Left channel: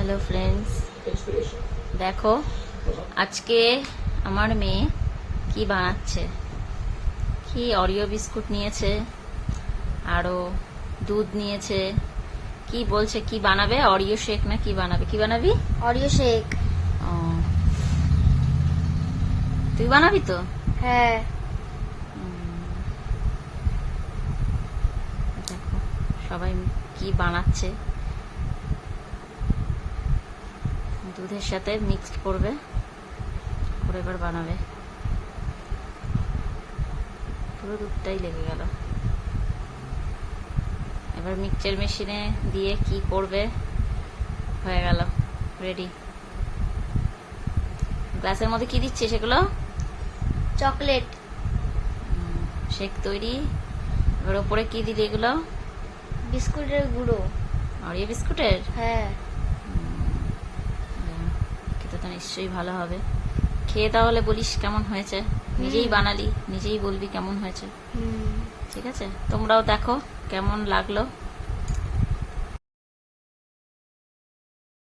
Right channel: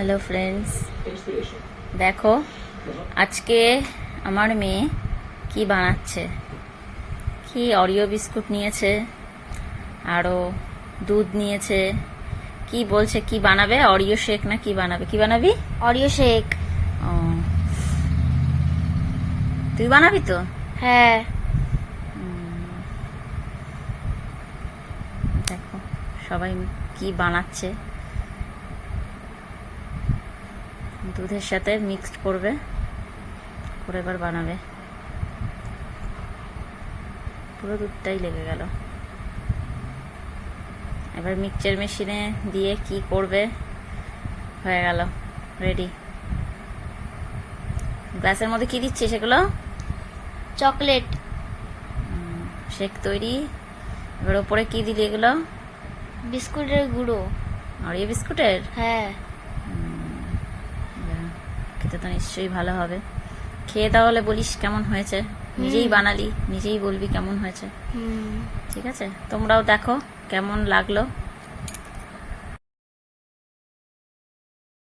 Hello friends, দেখো আজকে আমার মেয়ে কি বানাচ্ছে। কি অরিও বিস্কুট নিয়েছে, আরো দুধ নিয়েছে। কি বলছে কি বানাবে? অরিও শেক না কি বানাবে? কি বানাবি? Oreo shake. ও, তুই বানাবি তো? হ্যাঁ। দেখো সবাই কি বানাচ্ছে। দুধের সাথে মিক্সড করবে, করে এবার বানাবে। পুরো দুধটাই লেগে গেল। এবার মিক্সচার মেশিনে দিয়ে কি করবে। হয়ে গেল, রেডি। গ্লাসের মধ্যে কি দিচ্ছে সেগুলো? চকলেট। শেক তৈরি। এবার ওপরে কি দিলি এগুলো? বিস্কুটের গুঁড়ো। অরিও বিস্কুটের? হ্যাঁ। খেতে তো নিশ্চয়ই ভালো হবে। খেয়ে তাহলে বলিস কেমন হয়েছে। নিজেই বানালি, নিজেই বলবি কেমন হয়েছে। ঠিক আছে, তোমরাও দেখো কেমন লাগলো।